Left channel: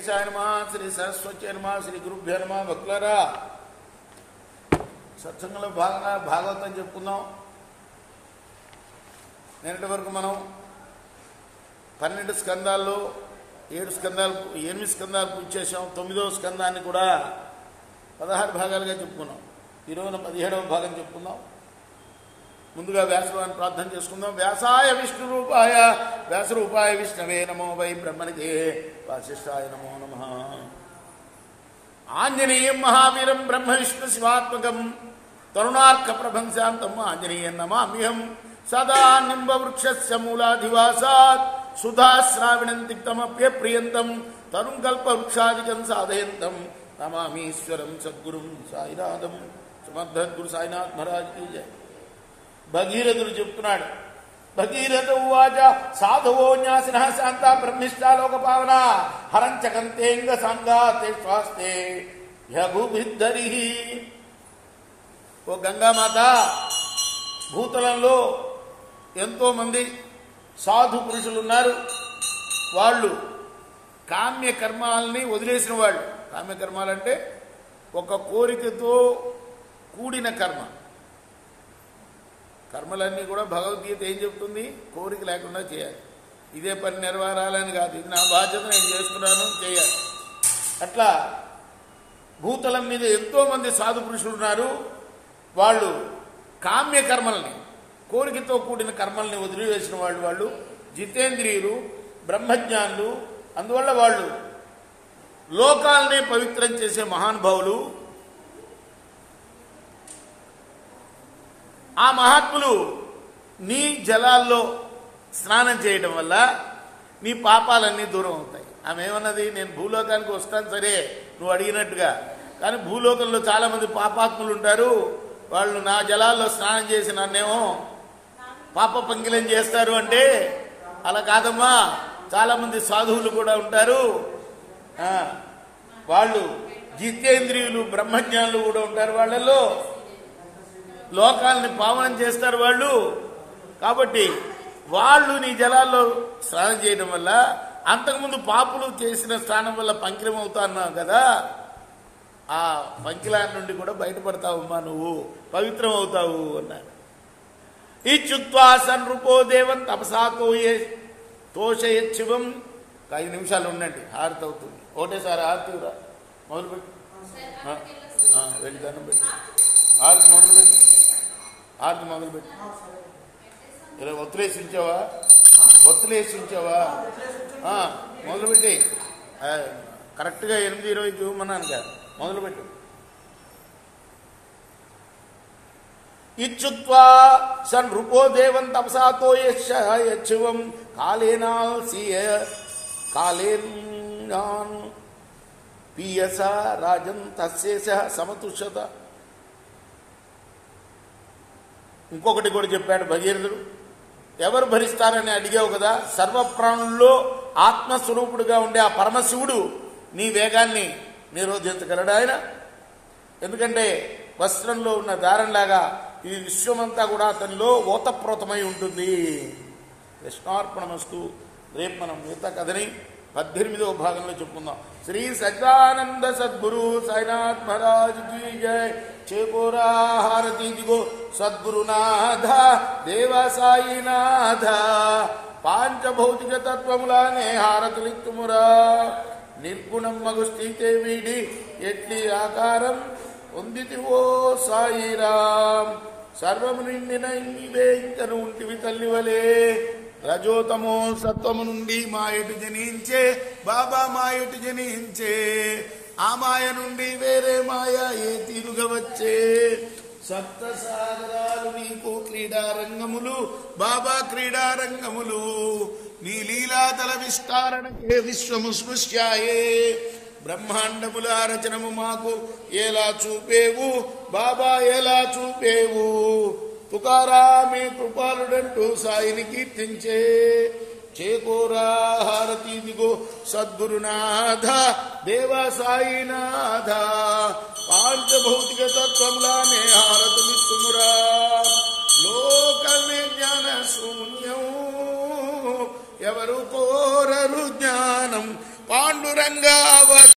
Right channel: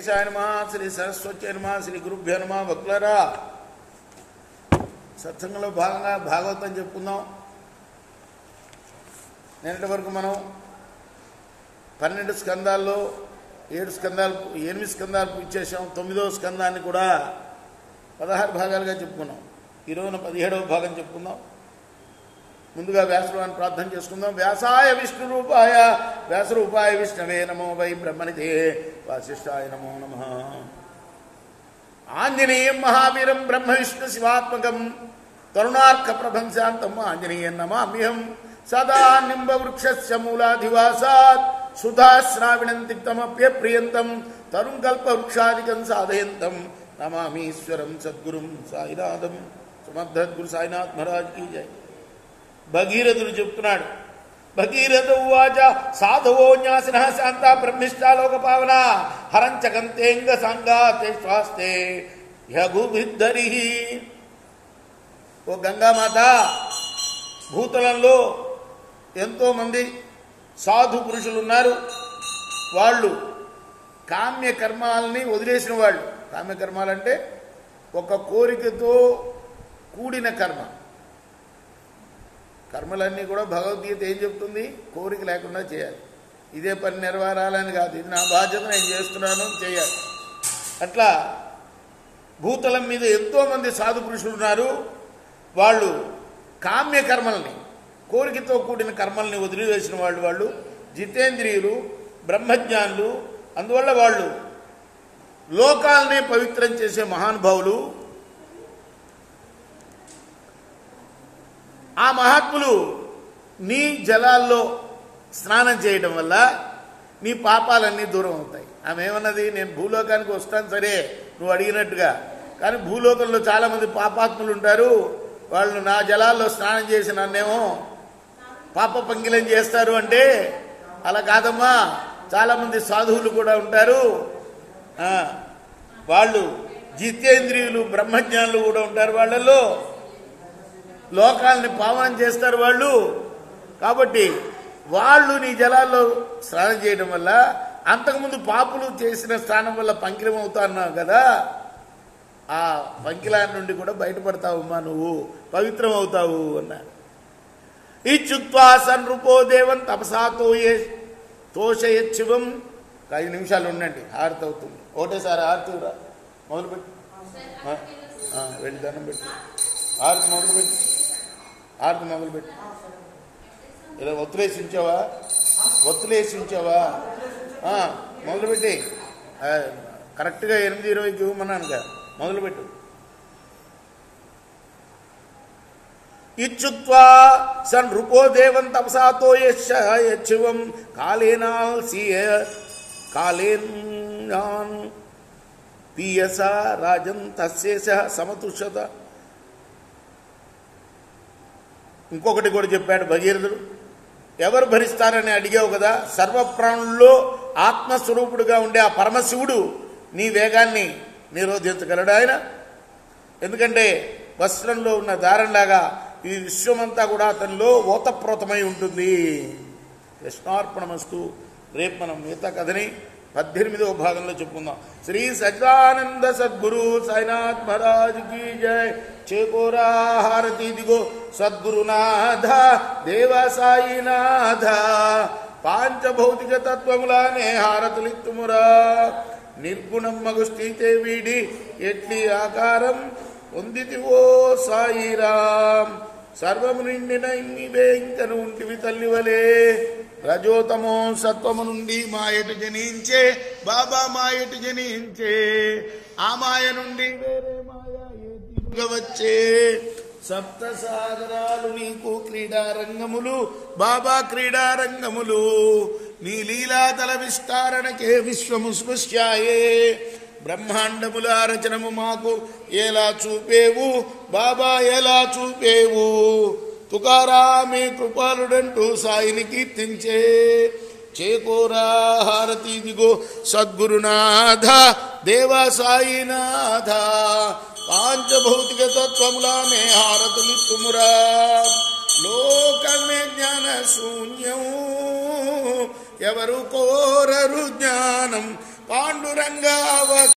గణేశాయ నమః, శ్రీ సరస్వతి నమః, శ్రీ గురుభ్యో నమః. భక్తులారా, సత్సంగంలో భాగంగా భాగవతం చెప్పుకుందాం. నిన్నటి వరకు మనం 12 స్కందాల్లో 8 స్కందాలు పూజ చేసాం. 9వ స్కందాన్ని కూడా 16 భాగాలుగా చెప్పుకున్నాం. ఈరోజున 17వ భాగం చెప్పుకుందాం. ముందుగా వ్యాసరూపాన్ని ప్రార్థన చేసుకుందాం. వ్యాసాయ విష్ణురూపాయ వ్యాసరూపాయ విష్ణవే నమో వై బ్రహ్మణితే వాసిష్ఠాయ నమో నమః. ఆంజనేయం మహావీరం బ్రహ్మ విష్ణు శివాత్మకం తరుణార్క ప్రభంశాంతం ఆంజనేయం నమామ్యహం. సదా నింబవృక్షస్య మూలాధివాసాత్ సుధాశ్రావిణం తిక్తమప్యప్రియంతం తరుం కల్పవృక్షాదికం సాధయంతం నమామీశ్వరం సద్గురుం సాయినాథం. సమర్థద్గురు సాయినాథ్ మహారాజ్ కీ జై. భగీరథుడు చెప్తున్నాడు. భగీరథ ఉవాచ సాధవో న్యాసిన శాంత బ్రహ్మిష్టాలోక పావన హరంచకంతేంగ సంగాతే స్వాస్తే యగుభిద్ధరి. ఓ గంగామాత, భూతలంలో ఎంతోమంది సాధు పురుషులు ఉన్నారు. వాళ్ళు కామ్యకర్మాలని వదిలేసిన వాళ్ళు. కామ్యకర్మాలంటే ఒక కోరికతో కూడిన కర్మ. కర్మలన్నీ కూడా భగవద్గీత ఏం చెప్తుంది? కోరిక లేకుండా చేయాలి. ఇదే పని నెరవేరాలని కాదు, ఇది నా బాధ్యత, నేను చేస్తున్నాను, చేయాలి. అట్లా భూతలం మీద ఎంతోమంది సాధు పురుషులు ఉన్నారు. వాళ్ళు కామ్యకర్మల్ని, కోరికతో కూడిన కర్మల్ని వదిలివేసిన వాళ్ళు జితేంద్రియులు, బ్రహ్మజ్ఞానులు. అందువల్ల వాళ్ళు లోకాలనే పవిత్రం చేసే మహానుభావులు. ఆ మహాత్ములు నీ జలాల్లో స్నానం చేయడం వల్ల నీ పాపాలన్నీ దూరం అవుతాయి. ఆమె ఏమన్నది? నేను భూలోకానికి వస్తాను సరే, నువ్వు అడిగినట్టుగా, కానీ భూలోకంలో చాలా మంది పాపాత్ములు ఉంటారు. వాళ్ళు నా జలాల్లో స్నానం చేసి నన్నేమో పాప పంకిలం చేస్తారు అంటే అలా కాదమ్మా. చాలా మంది సాధువులు కూడా ఉంటారు. వాళ్ళు జితేంద్రియులు, బ్రహ్మజ్ఞానులు కూడా ఉంటారు. వాళ్ళల్లో లోకాలని పావనం చేస్తారు వాళ్ళు. కాబట్టి వాళ్ళు నీ జలాల్లో స్నానం చేయడం వల్ల, అంతకుముందు పాపులు చేసిన స్నానం వల్ల పంకిలం అవుతాన్నావు కదా, ఆ పంకిలాన్ని నుండి కూడా బయటపడతావమ్మా, నువ్వు పవిత్రం అవుతావు అన్నారు. ఇచ్చుత్వా సన్రూపో దేవం తపసాతో తోషయశివం. 5 నిమిషాలు ఉండండి, హారతి అవుతుంది. ఒకటేసారి హారతిరా మొదలుపెట్టి వెళ్ళి దండం పెట్టి హారతి మొదలుపెట్టి ఇలా ఒత్తులేసించావా మొదలుపెట్టి కరెక్ట్గా 8:20కి ఇవ్వమన్నాను కదా, మొదలుపెట్టు. ఇచ్చుత్వా సన్ రూపో దేవం తపసాతో యశివం కాళేనా పీయస రాజన్ తస్యేష సమతుషత. ఇంకొకటి కూడా చెప్పాడు భగీరథుడు. ఎవరు భరిస్తారని అడిగావు కదా, సర్వప్రాణుల్లో ఆత్మస్వరూపుడుగా ఉండే ఆ పరమశివుడు నీ వేగాన్ని నిరోధించగలడు ఆయన. ఎందుకంటే వస్త్రంలో ఉన్న దారంలాగా ఈ విశ్వమంతా కూడా అతనిలో ఓతప్రోతమై ఉంటుంది. కృష్ణార్పణమస్తు. రేపు మనం మిగతా కథని 18వ భాగంలో చెప్పుకుందాం. శ్రీ సజ్జానంద సద్గురు సాయినాథ్ మహారాజ్ కీ జై. చేకోరా హారతి దిగో సద్గురునాథ దేవ సాయినాథ. పాంచభౌతిక తత్వములానే హారతులిత్తుమురా. నిర్గుణం మగు స్థితే వీడి ఎట్లి ఆకారం పొందితివో సాయిరాం. సర్వము నిండిన ఇదే ఇంతను ఉంటివి తల్లివలే. రజోతమో సత్వము నుండి మాయటు జనించే బాబా, మాయటు జనించే. ఆ మాయ నుండి వేరే మాయ ఏ తీరుగా వచ్చే. సప్త సాగరాలు నీకు క్రీడారంగములు బాబా, క్రీడారంగములు. నీ లీలాతల విస్తారణకే విశ్వము స్పృశ్యాయే. బ్రహ్మాండముల రచనము మాకు ఎలా చూపేవు బాబా, ఎలా చూపేవు. తుకారామే కృపాలుడంటూ సాయిని కీర్తించే. చేకోరా హారతి దిగో సద్గురునాథ దేవ సాయినాథ. పాంచభౌతిక తత్వములానే హారతులిత్తుమురా. లోకమే జ్ఞాన శూన్యం ఎవరు కోరరు జ్ఞానం పాండురంగా